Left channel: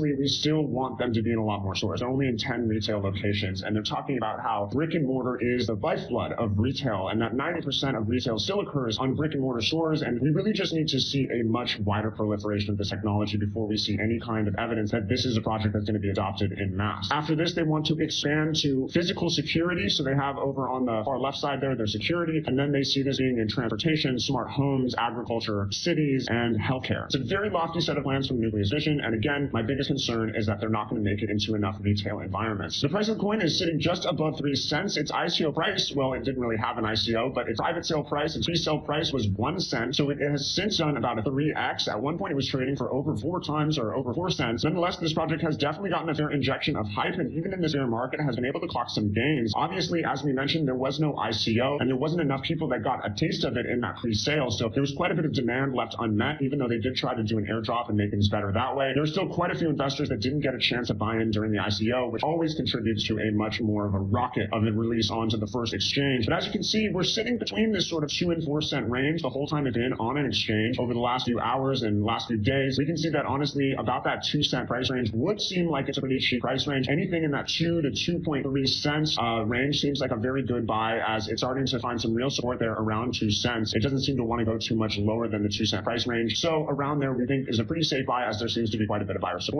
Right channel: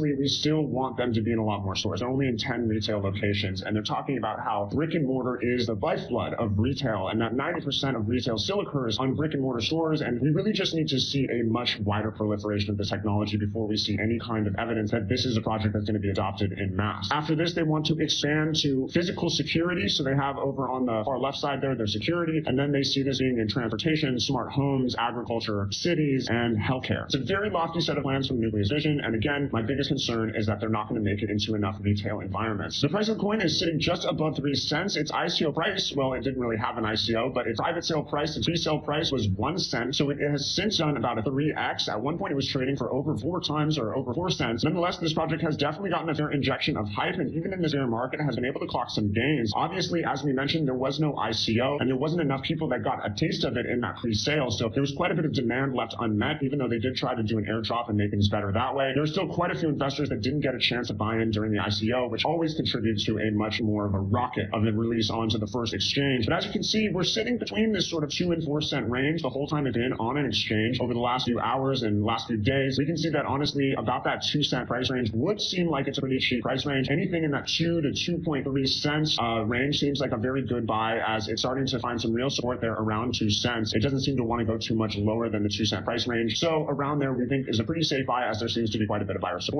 We still want them to be in a lot more stores. They're only in 10 retail locations, and they're talking about how brick and mortar is the lifeblood of retail, and that 90% of retail still occurs on brick and mortar stores, and we really just need to see a much wider proliferation of this technology before we see any kind of evidence that this is a project that's going to be adopted en masse. After this, they want to expand to physical security, so they have over on the far left side there their security, and then they see this being in transportation, smart homes, agriculture, cities, and healthcare. It's a very lofty set of plans from Nucleus Vision, and again, my biggest concern is that they're not going to make it into enough retail environments. The price of the coin is sitting just above 3 cents. Its ICO price, well, it didn't really have an ICO, but its private sale price, its pre-sale price was 1 cent, so it has since done about a 3x. At one point, it was trading for over 4 times or over 4 cents. Nonetheless, this project has definitely gotten a fair injection of hype, and even in this bear market, has been able to clock some gains. Obviously, as we mentioned, there was no ICO, and there wasn't enough people that got a taste of it in that pre-sale, so there was quite a bit of demand left unmet, even though they did try to do an airdrop and make things better that way. There's still quite a few investors that didn't get a chance to buy in during the ICO, which always contributes to a much more of a rocket of a release onto the first exchange. But as you can see, we're sitting between this sort of 2 and 4 cent range the whole time we've been on an exchange over the last few hours and last few days. We can see that honestly, about that 2 cent price range would seem like it's a pretty cheap price range. Anything in that 2 to 2.3 cents range seems like a very good buy, as it's starting to find some real support there around 2 cents. It doesn't seem to want to go too much lower than the 2 cent price range. So around there, we think is a pretty safe buy, as there seems to be quite a bit of buyer support.